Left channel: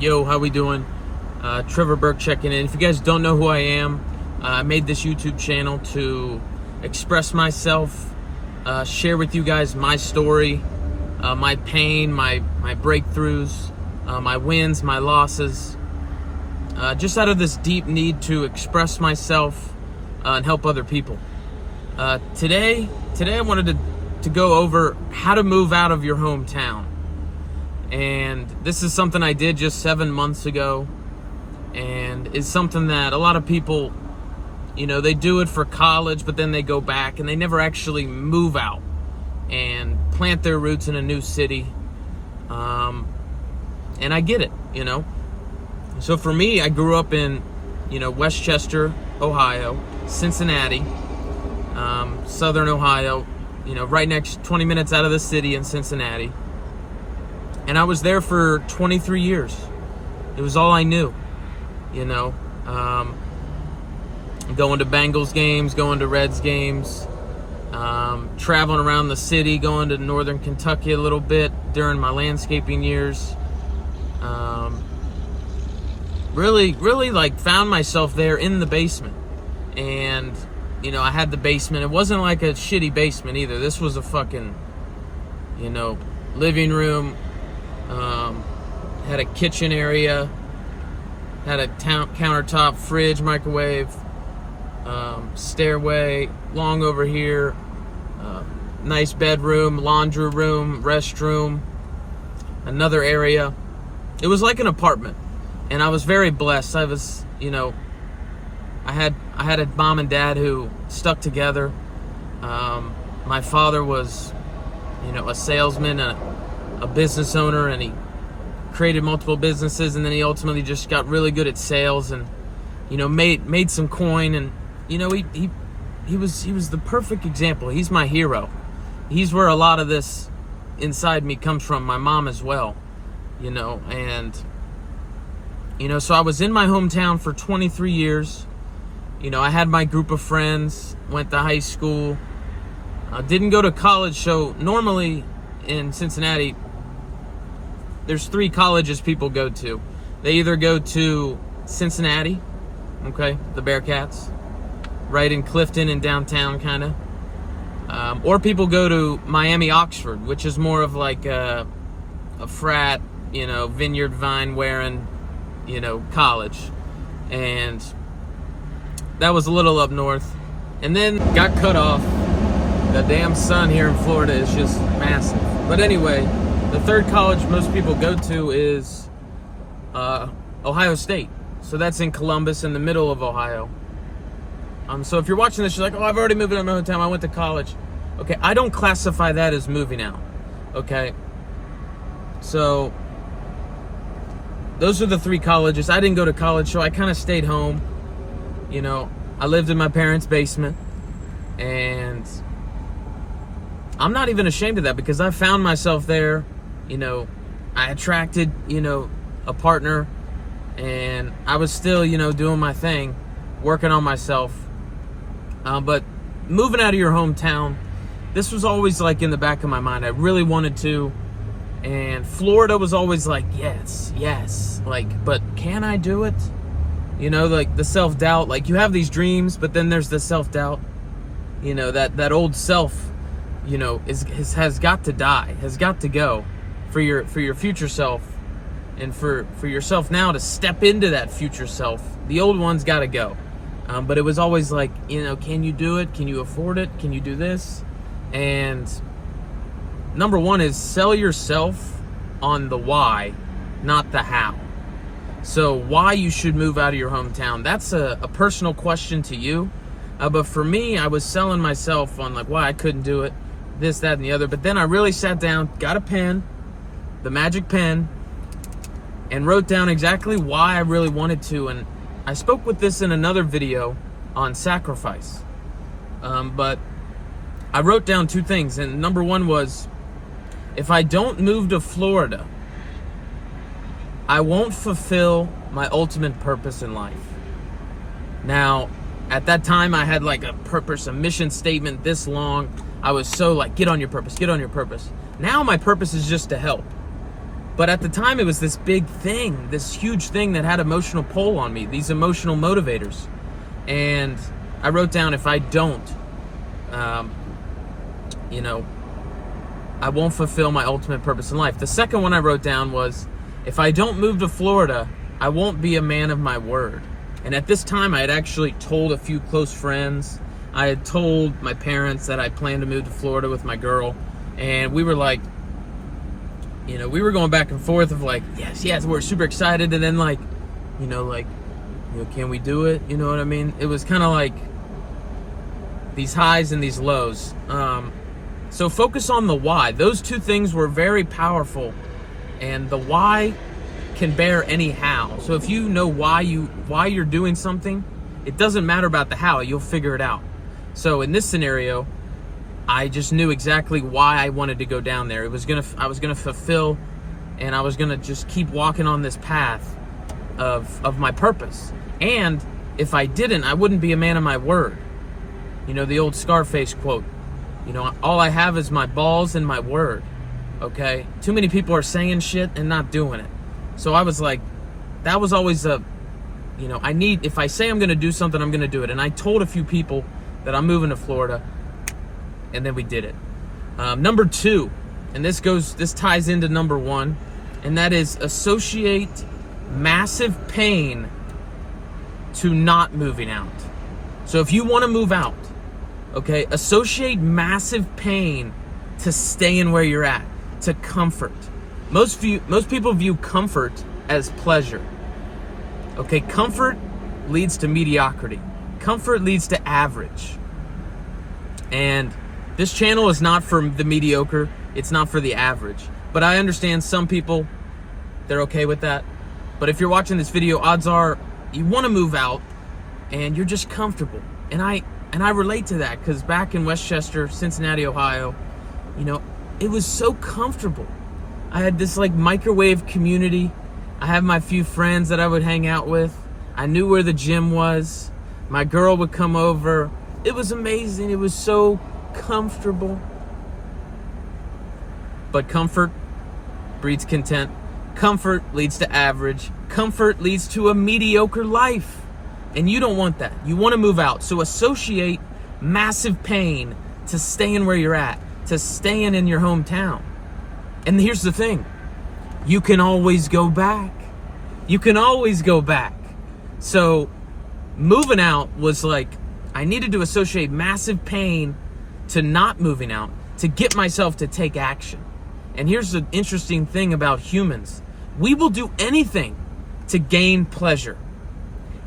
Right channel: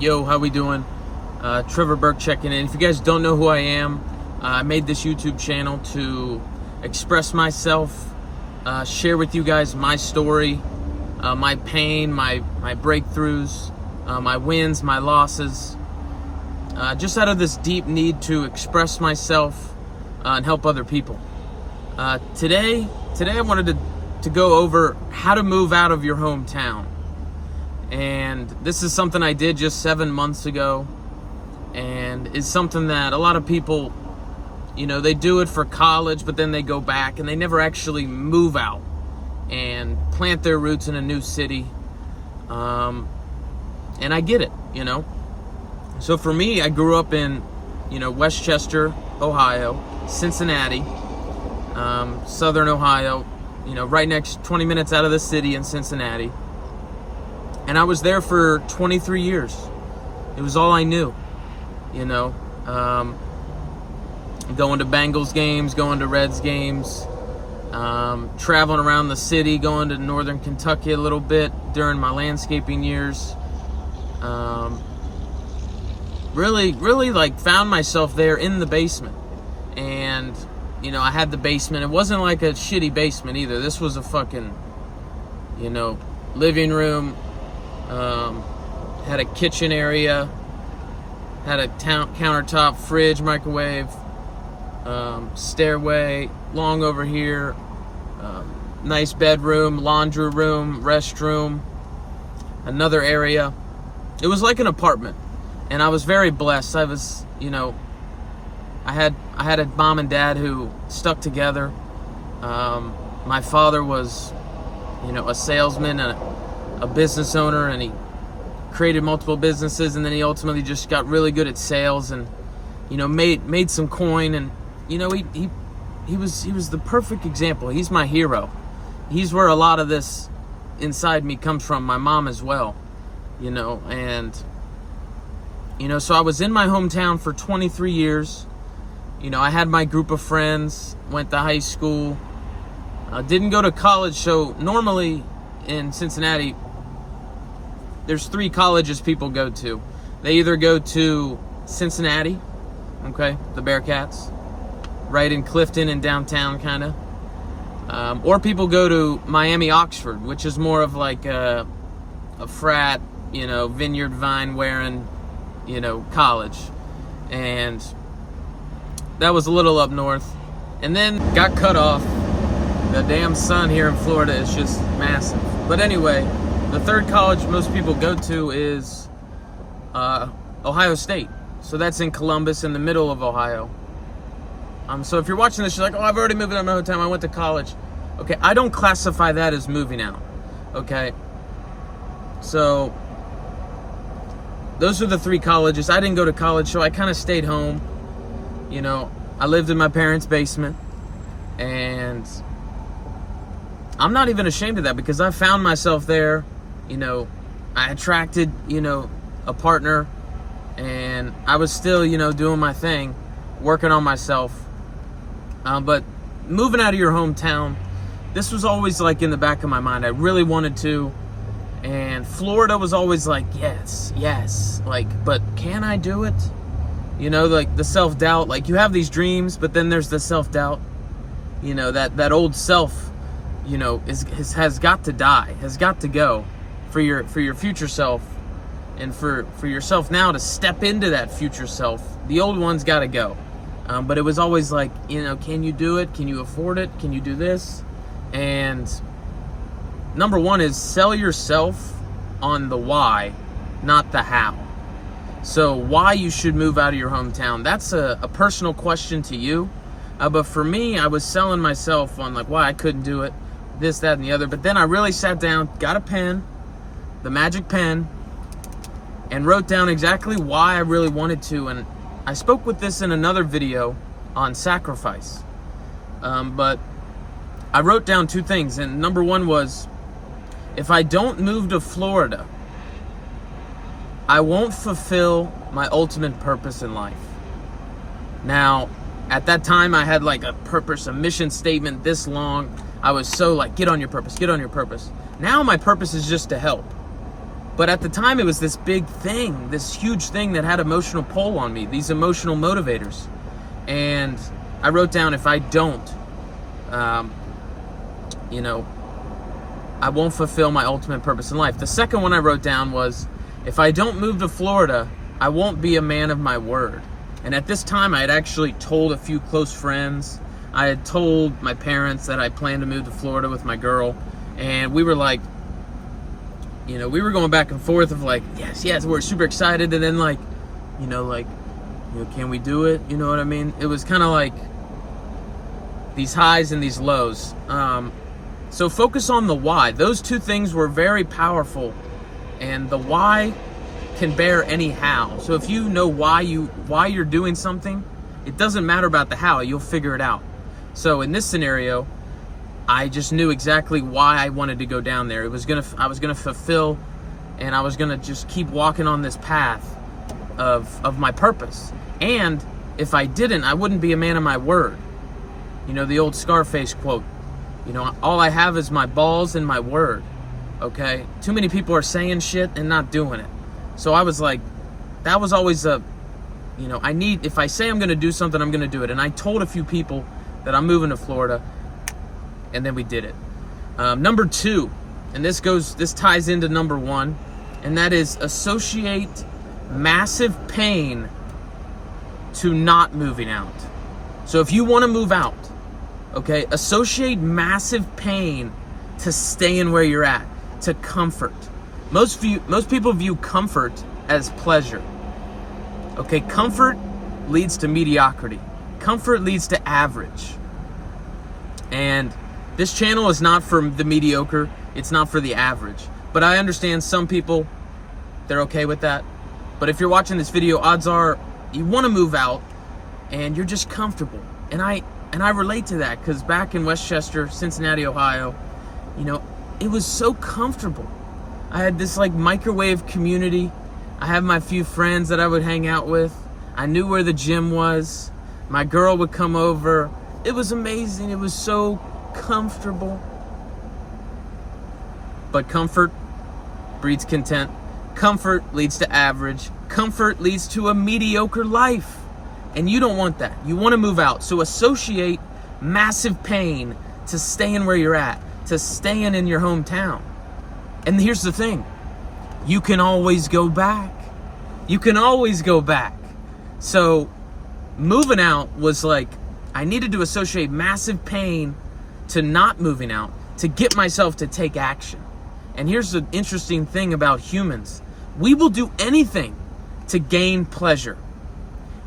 Yo, how we doing? Trevor Burke checking in. If you guys don't know who I am, I made this YouTube channel to express myself, share with you guys my story, my pain, my breakthroughs, my wins, my losses, just out of this deep need to express myself and help other people. Today I wanted to go over how to move out of your hometown. And this is something I did just 7 months ago, and is something that a lot of people, they do it for college, but then they go back and they never actually move out and plant their roots in a new city. And I get it, So for me, I grew up in, Westchester, Ohio, Cincinnati, Southern Ohio, right 20 minutes out of the city in Cincinnati. And I was there for 23 years. It was all I knew, going to Bengals games, going to Reds games, traveling around the city, going to Northern Kentucky a little bit during my landscaping years. Really found myself there in the basement. And, I had the basement. It wasn't like a shitty basement either. This was a fucking, living room. Had a kitchen area, had a countertop, fridge, microwave, stairway, long over here, nice bedroom, laundry room, restroom, another area. It was like an apartment, and I was very blessed. I was, I had a mom and dad who stuck together. My father was, a salesman, a business owner, and he created multiple businesses, and then he ultimately just got really good at sales and made some coin. And he was the perfect example. He's my hero. He's where a lot of this inside me comes from. My mom as well, and so I was in my hometown for 23 years. I had my group of friends, went to high school, didn't go to college. So normally in Cincinnati, there's 3 colleges people go to. They either go to Cincinnati, okay, the Bearcats, right in Clifton and downtown kind of, or people go to Miami Oxford, which is more of like a frat, vineyard vine wearing, college. And that was a little up north, and then got cut off. The damn sun here in Florida is just massive. But anyway, the third college most people go to is Ohio State. So that's in Columbus, in the middle of Ohio. So if you're watching this, you're like, oh, I've already moved out of my hometown, I went to college. Okay, I don't classify that as moving out, okay? So those are the 3 colleges. I didn't go to college, so I kind of stayed home. I lived in my parents' basement, and I'm not even ashamed of that, because I found myself there. I attracted, a partner, and I was still, doing my thing, working on myself. But moving out of your hometown, this was always like in the back of my mind. I really wanted to. And Florida was always like, yes, but can I do it? Like the self-doubt, like you have these dreams, but then there's the self-doubt, that old self, has got to die, has got to go for your future self, and for yourself now to step into that future self. The old one's got to go. But it was always like, can you do it? Can you afford it? Can you do this? And number one is sell yourself on the why, not the how. So why you should move out of your hometown, that's a personal question to you. But for me, I was selling myself on like why I couldn't do it, this, that, and the other. But then I really sat down, got a pen, the magic pen, and wrote down exactly why I really wanted to. And I spoke with this in another video on sacrifice. But I wrote down 2 things. And number 1 was, if I don't move to Florida, I won't fulfill my ultimate purpose in life. Now, at that time, I had like a purpose, a mission statement this long. I was so like, get on your purpose, get on your purpose. Now my purpose is just to help. But at the time, it was this big thing, this huge thing that had emotional pull on me, these emotional motivators. And I wrote down, if I don't, I won't fulfill my ultimate purpose in life. The second one I wrote down was, if I don't move to Florida, I won't be a man of my word. And at this time, I had actually told a few close friends. I had told my parents that I planned to move to Florida with my girl. And we were like, we were going back and forth of like, yes, we're super excited. And then can we do it? You know what I mean? It was kind of like these highs and these lows. So focus on the why. Those two things were very powerful. And the why can bear any how. So if you know why you're doing something, it doesn't matter about the how, you'll figure it out. So in this scenario, I just knew exactly why I wanted to go down there. I was gonna fulfill, and I was gonna just keep walking on this path of my purpose. And if I didn't, I wouldn't be a man of my word. The old Scarface quote, all I have is my balls and my word. Okay? Too many people are saying shit and not doing it. So I was like, that was always if I say I'm going to do something, I'm going to do it. And I told a few people that I'm moving to Florida, and then we did it. Number 2, and this ties into number 1, and that is associate massive pain to not moving out. So if you want to move out, okay, associate massive pain to staying where you're at, to comfort. Most people view comfort as pleasure. Okay, comfort leads to mediocrity. Comfort leads to average. And this channel is not for the mediocre. It's not for the average. But I understand some people, they're okay with that. But if you're watching this video, odds are you want to move out and you're just comfortable. And I relate to that, because back in Westchester, Cincinnati, Ohio, it was so comfortable. I had this microwave community. I had my few friends that I would hang out with. I knew where the gym was. My girl would come over. It was amazing. It was so comfortable. But comfort breeds content. Comfort leads to average. Comfort leads to a mediocre life. And you don't want that. You want to move out. So associate massive pain to staying where you're at, to staying in your hometown. And here's the thing. You can always go back. You can always go back. So moving out was I needed to associate massive pain to not moving out to get myself to take action. And here's the interesting thing about humans. We will do anything to gain pleasure.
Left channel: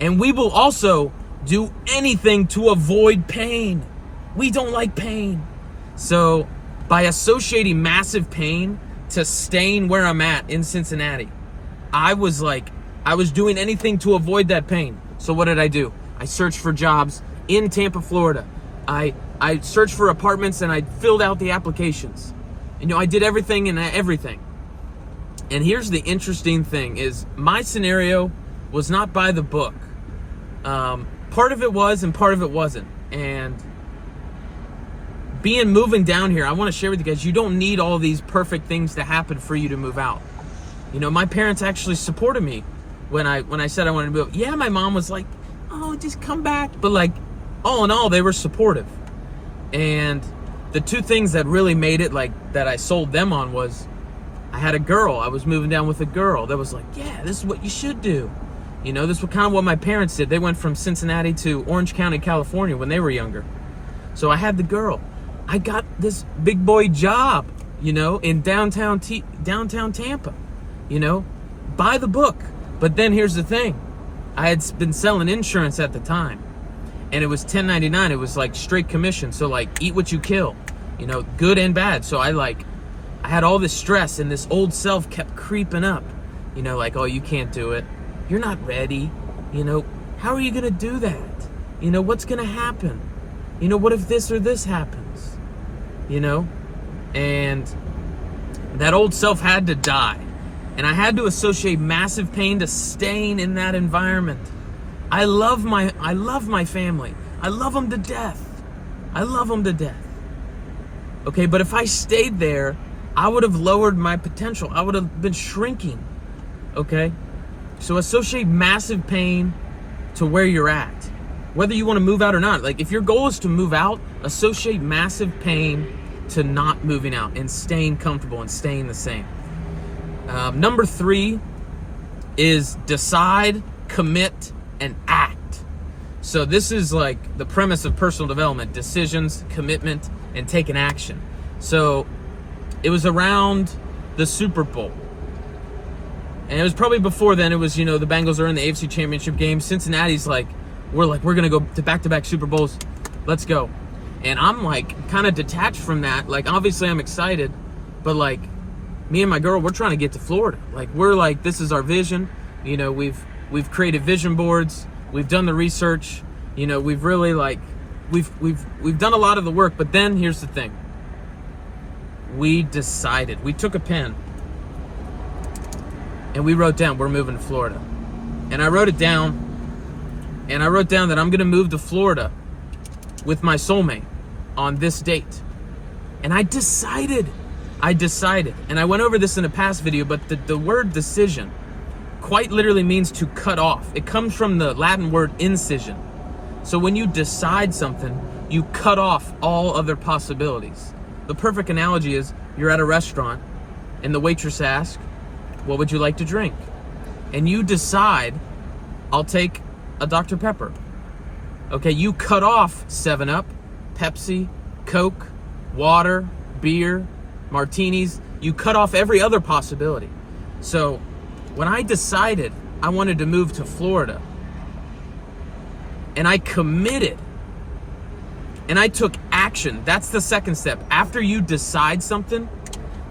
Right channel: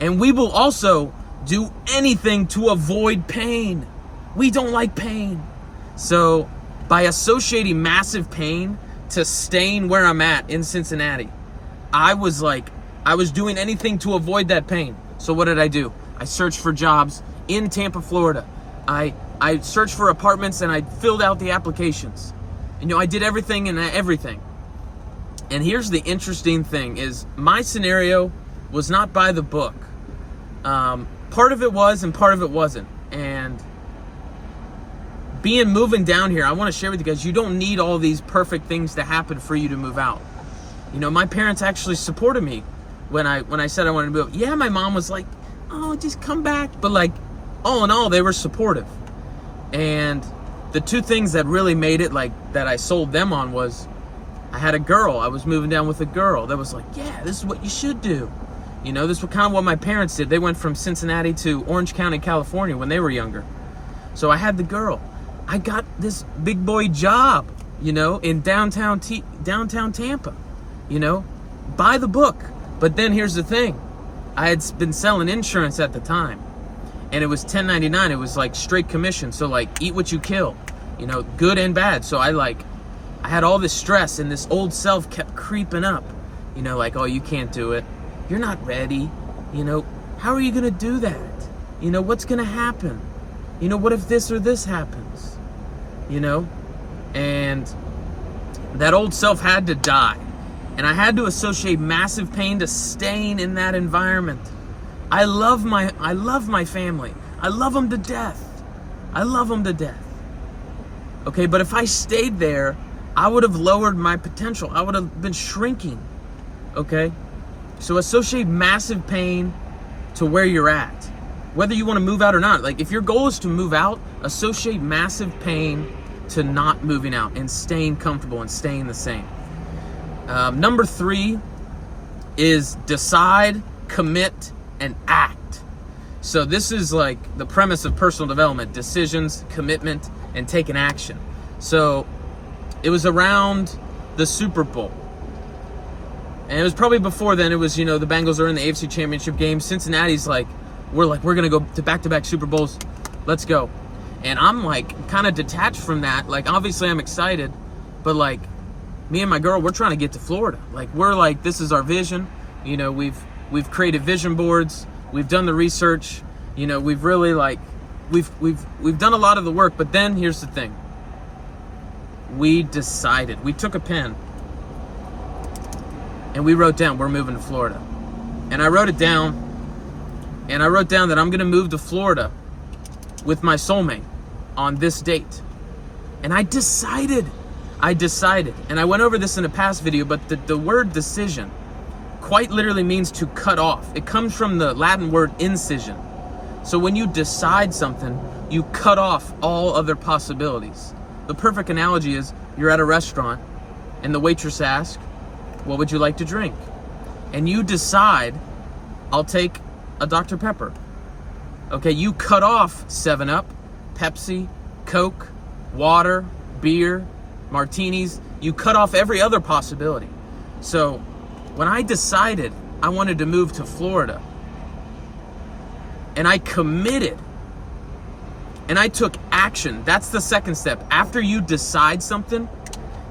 And we will also do anything to avoid pain. We don't like pain. So by associating massive pain to staying where I'm at in Cincinnati, I was doing anything to avoid that pain. So what did I do? I searched for jobs in Tampa, Florida. I searched for apartments and I filled out the applications. I did everything. And here's the interesting thing is my scenario was not by the book. Part of it was and part of it wasn't. And moving down here, I want to share with you guys, you don't need all these perfect things to happen for you to move out. My parents actually supported me when I said I wanted to move. Yeah, my mom was like, oh, just come back. But all in all, they were supportive. And the two things that really made it that I sold them on was I had a girl. I was moving down with a girl that was like, yeah, this is what you should do. This was kind of what my parents did. They went from Cincinnati to Orange County, California when they were younger. So I had the girl. I got this big boy job, in downtown Tampa, by the book. But then here's the thing. I had been selling insurance at the time, and it was 1099. It was straight commission. So eat what you kill, good and bad. So I had all this stress, and this old self kept creeping up, oh, you can't do it. You're not ready. How are you going to do that? What's going to happen? What if this or this happens? And that old self had to die. And I had to associate massive pain to staying in that environment. I love my family. I love them to death. Okay, but if I stayed there, I would have lowered my potential. I would have been shrinking, okay? So associate massive pain to where you're at, whether you want to move out or not. Like if your goal is to move out, associate massive pain to not moving out and staying comfortable and staying the same. Number 3 is decide, commit, and act. So this is like the premise of personal development: decisions, commitment, and taking action. So it was around the Super Bowl. And it was probably before then. It was, the Bengals are in the AFC Championship game. Cincinnati's we're going to go to back-to-back Super Bowls. Let's go. And I'm kind of detached from that. Obviously I'm excited, but me and my girl, we're trying to get to Florida. We're this is our vision. We've created vision boards. We've done the research. We've really we've done a lot of the work. But then here's the thing. We decided. We took a pen and we wrote down we're moving to Florida. And I wrote it down. And I wrote down that I'm going to move to Florida with my soulmate on this date. And I decided. And I went over this in a past video, but the word decision quite literally means to cut off. It comes from the Latin word incision. So when you decide something, you cut off all other possibilities. The perfect analogy is you're at a restaurant and the waitress asks, what would you like to drink? And you decide, I'll take a Dr. Pepper. Okay, you cut off 7-Up, Pepsi, Coke, water, beer, martinis. You cut off every other possibility. So when I decided I wanted to move to Florida, and I committed, and I took action. That's the second step. After you decide something,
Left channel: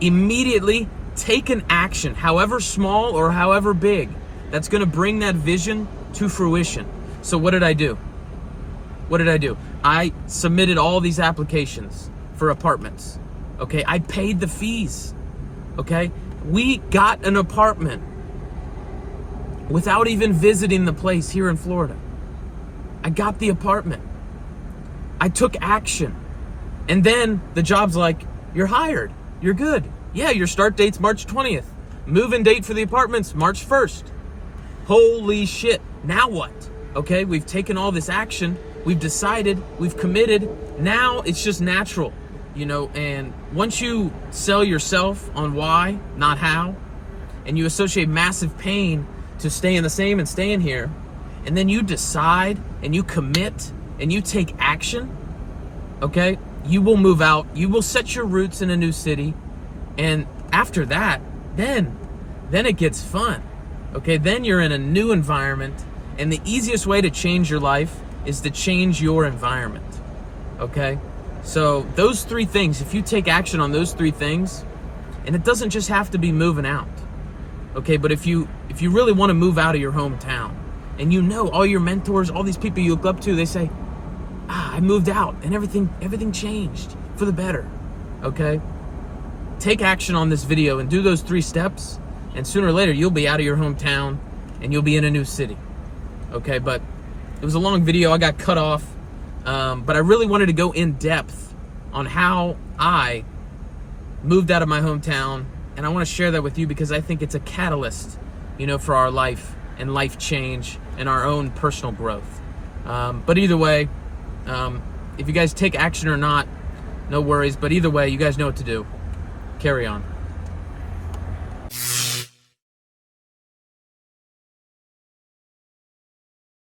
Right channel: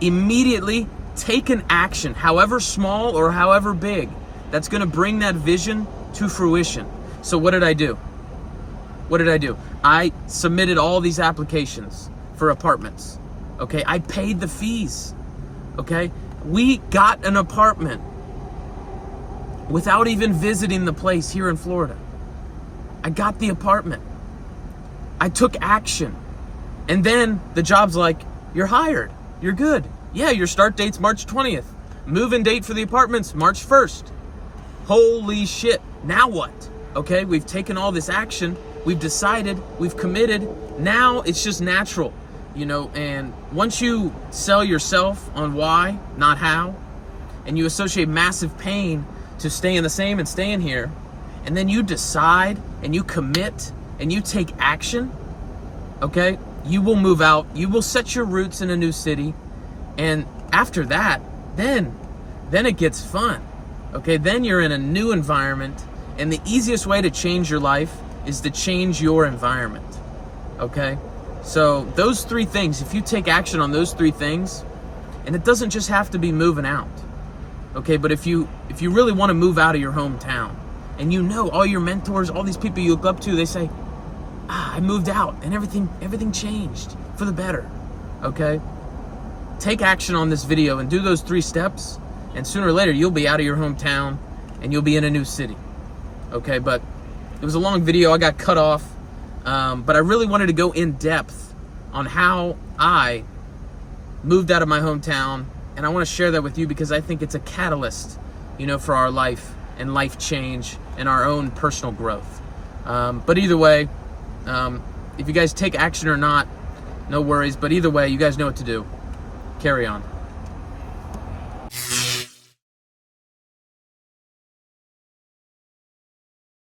immediately take an action, however small or however big, that's going to bring that vision to fruition. So what did I do? I submitted all these applications for apartments. Okay, I paid the fees. Okay, we got an apartment without even visiting the place here in Florida. I got the apartment. I took action. And then the job's you're hired. You're good. Yeah, your start date's March 20th. Move-in date for the apartment's March 1st. Holy shit. Now what? Okay, we've taken all this action. We've decided. We've committed. Now it's just natural, and once you sell yourself on why, not how, and you associate massive pain to staying the same and staying here, and then you decide and you commit and you take action, okay, you will move out. You will set your roots in a new city. And after that, then it gets fun. Okay, then you're in a new environment. And the easiest way to change your life is to change your environment. Okay? So those 3 things, if you take action on those 3 things, and it doesn't just have to be moving out. Okay, but if you really want to move out of your hometown, and all your mentors, all these people you look up to, they say, I moved out and everything changed for the better. Okay? Take action on this video and do those 3 steps, and sooner or later you'll be out of your hometown and you'll be in a new city. Okay, but it was a long video. I got cut off, but I really wanted to go in depth on how I moved out of my hometown, and I want to share that with you because I think it's a catalyst, for our life and life change and our own personal growth. But either way, if you guys take action or not, no worries. But either way, you guys know what to do. Carry on.